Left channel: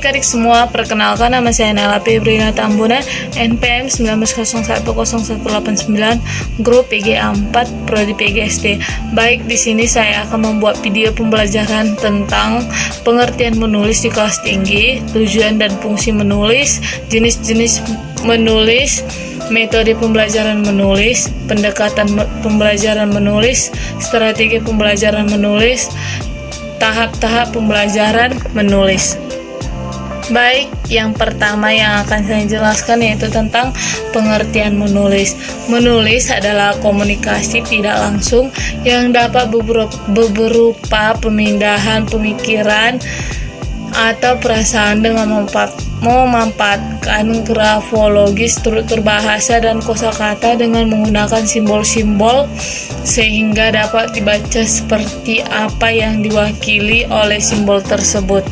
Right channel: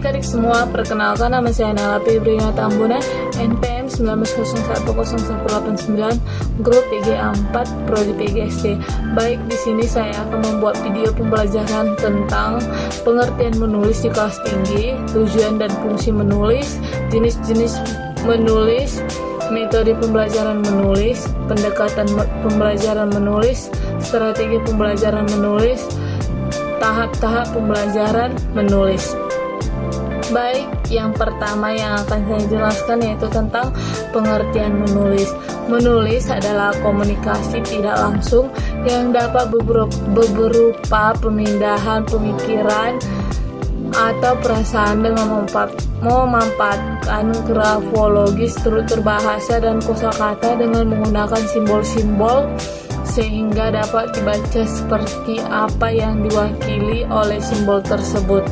Baik adik semua, perkenalkan nama saya Nela Febriana Tambunan, NPM 19010189, grup PGA 4, Prodi PGSD. Baik, di sini saya akan membuat video pembelajaran tentang pengertian menulis di kelas tinggi, tujuan dan fungsi menulis, jenis-jenis menulis, metode pembelajaran menulis, pendekatan pembelajaran menulis, strategi pembelajaran menulis, tahap-tahap pembelajaran menulis. Baik, yang pertama yang akan saya jelaskan yaitu tentang pengertian menulis. Menulis adalah komunikasi tidak langsung yang dapat berupa pemindahan pemikiran atau perasaan dengan memanfaatkan grafologi, struktur bahasa, dan kosakata dengan menggunakan simbol-simbol sehingga dapat dibaca seperti apa yang diwakili oleh simbol tersebut.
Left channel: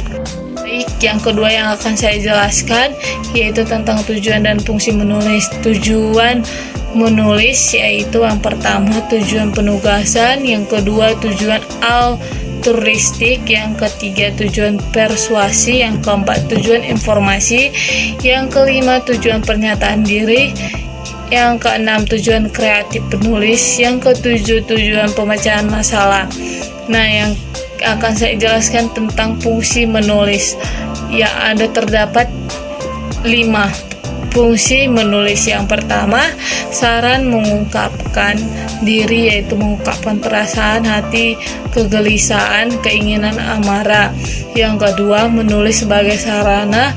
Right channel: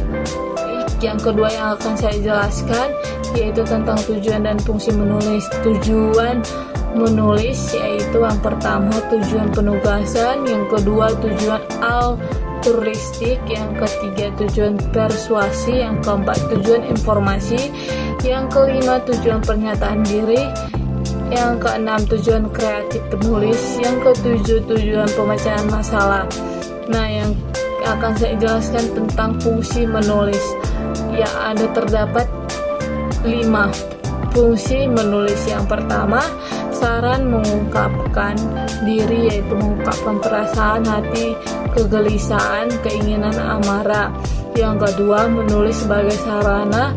Yang kedua yang akan saya jelaskan yaitu tentang tujuan dan fungsi menulis. Tujuan menulis yaitu yang pertama tujuan penugasan, yang kedua tujuan altruistik, yang ketiga tujuan persuasi, yang keempat tujuan informasi, yang kelima tujuan pernyataan diri, yang keenam tujuan kreatif penulis, yang ketujuh tujuan pemecahan masalah. Nah, yang akan saya jelaskan tentang fungsi menulis. Ya, ada terdapat 5 fungsi menulis. Yang pertama, saran mengungkapkan diri, yaitu mengungkapkan perasaan, hati, kegelisahan, keinginan, amarah. Yang kedua, menulis sebagai sarana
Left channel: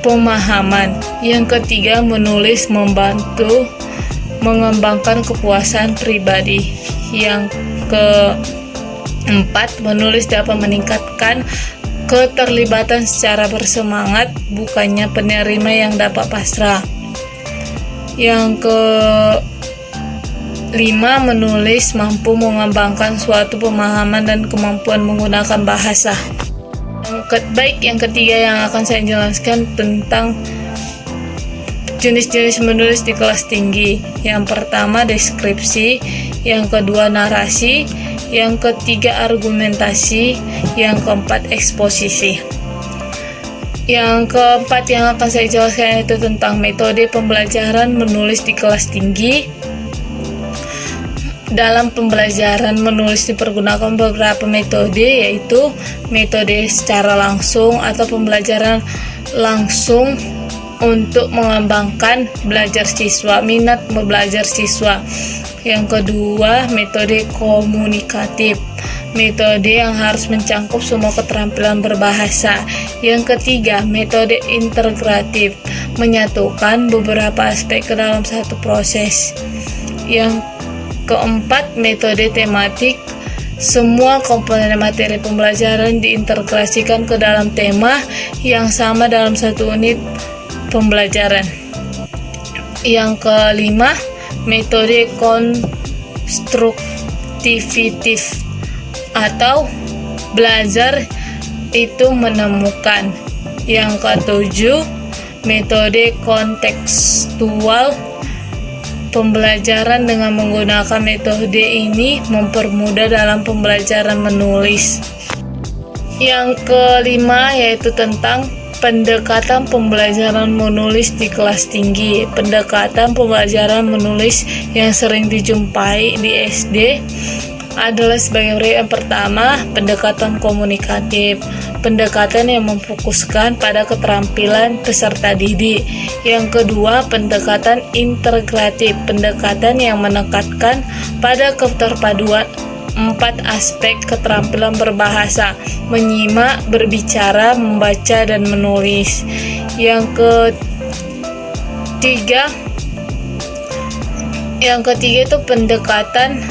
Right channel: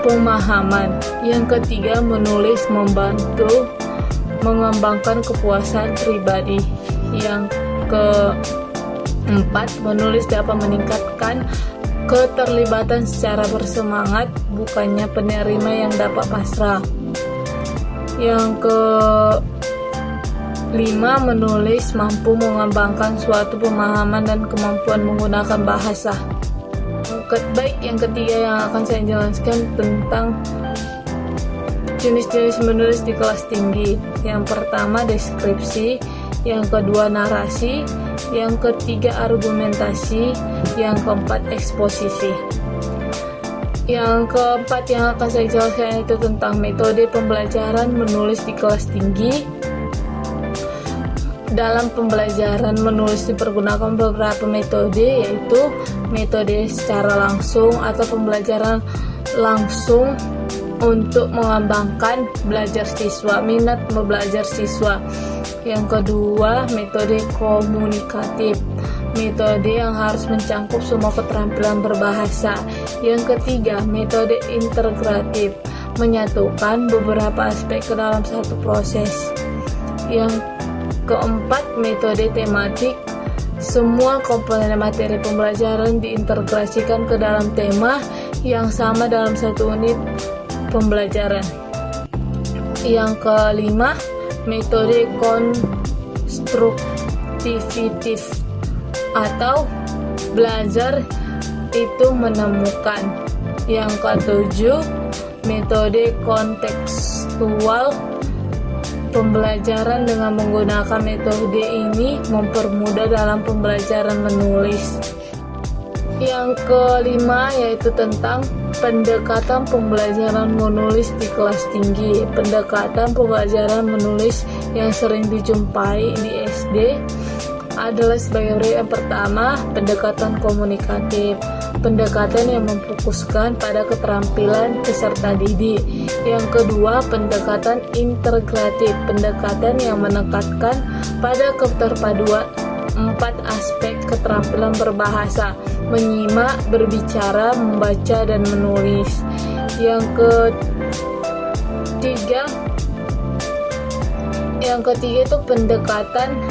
pemahaman. Yang ketiga, menulis membantu mengembangkan kepuasan pribadi. Yang keempat, menulis dapat meningkatkan keterlibatan secara bersemangat, bukannya penerima yang dapat pasrah. Yang kelima, menulis mampu mengembangkan suatu pemahaman dan kemampuan menggunakan bahasa. Baik, yang ketiga yang akan saya jelaskan tentang jenis-jenis menulis di kelas tinggi. Yang pertama deskripsi, yang kedua narasi, yang ketiga argumentasi, yang keempat eksposisi. Yang keempat yang akan saya jelaskan yaitu tentang metode pembelajaran menulis di kelas tinggi. Dalam pembelajaran menulis dipergunakan beberapa metode, yaitu metode secara langsung atau pembelajaran langsung untuk mengembangkan belajar siswa, minat belajar siswa. Yang kedua, metode komunikatif, metode yang harus mencangkup semua keterampilan berbahasa. Yang ketiga, metode integratif, menyatukan beberapa aspek ke dalam satu proses. Yang keempat, metode tematik, semua komponen materi pembelajaran diintegrasikan ke dalam tema yang sama dalam satu unit pembelajaran. Yang kelima, metode konstruktivitif atau belajar itu menemukan. Yang ketujuh, metode kontekstual, pembelajaran dengan menggunakan metode ini mempermudah dalam pembelajaran menulis. Yang kelima yaitu tentang pendekatan pembelajaran menulis di kelas tinggi. Pendekatan pembelajaran menulis yang sering dijumpai di SD adalah sebagai berikut. Yang pertama, pendekatan komunikatif, pendekatan yang memfokuskan pada keterampilan peserta didik. Yang kedua, pendekatan integratif, pendekatan yang menekankan pada keterpaduan 4 aspek keterampilan berbahasa: menyimak, berbicara, membaca, dan menulis. Yang ketiga itu pendekatan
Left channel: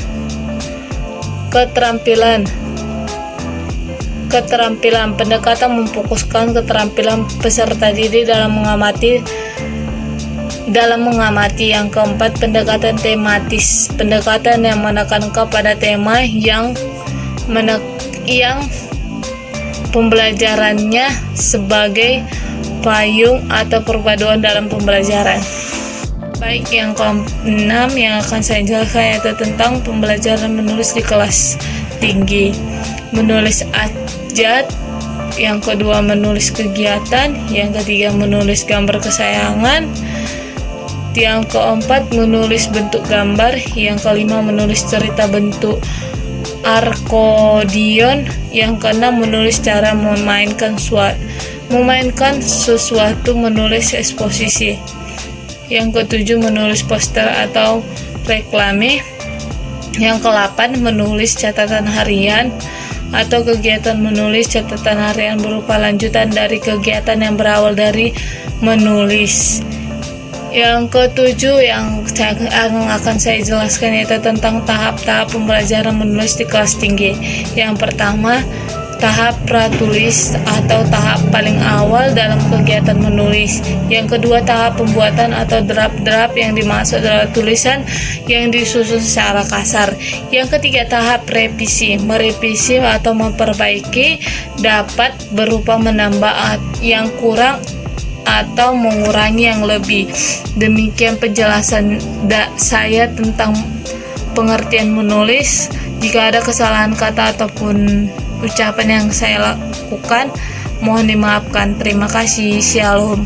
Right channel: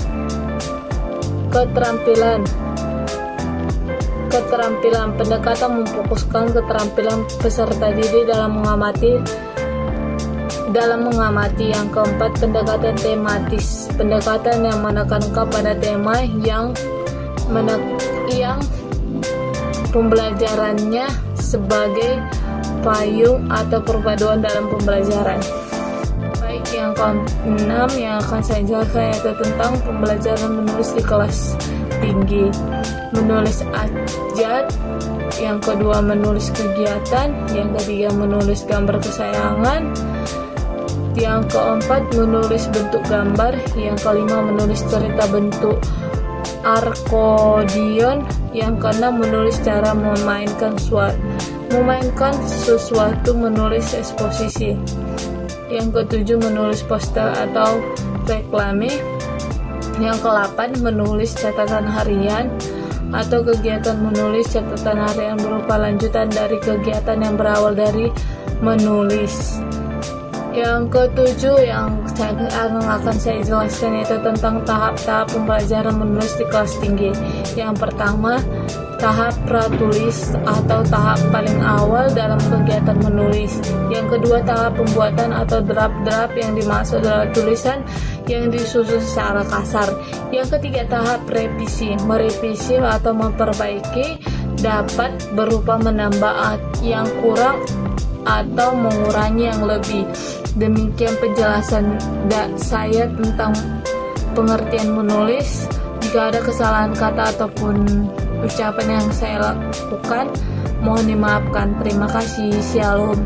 keterampilan, pendekatan memfokuskan keterampilan peserta didik dalam mengamati. Yang keempat, pendekatan tematis, pendekatan yang menekankan pada tema yang pembelajarannya sebagai payung atau perpaduan dalam pembelajaran. Baik, yang keenam yang akan saya jelaskan yaitu tentang pembelajaran menulis di kelas tinggi. Menulis abjad yang kedua menulis kegiatan, yang ketiga menulis gambar kesayangan, yang keempat menulis bentuk gambar, yang kelima menulis cerita bentuk arkodion, yang keenam menulis cara memainkan sesuatu, menulis eksposisi, yang ketujuh menulis poster atau reklame, yang ke-8 menulis catatan harian atau kegiatan. Menulis catatan harian berupa lanjutan dari kegiatan yang berawal dari menulis. Yang ke-7 yang akan saya jelaskan yaitu tentang tahap-tahap pembelajaran menulis di kelas tinggi. Yang pertama, tahap pratulis atau tahap paling awal dalam kegiatan menulis. Yang kedua, tahap pembuatan atau draft-draft yang dimaksud adalah tulisan yang disusun secara kasar. Yang ketiga, tahap revisi. Merevisi atau memperbaiki dapat berupa menambah yang kurang atau mengurangi yang lebih. Demikian penjelasan saya tentang pengertian menulis. Jika ada kesalahan kata ataupun ucapan yang saya lakukan, mohon dimaafkan. Terima kasih. Shalom.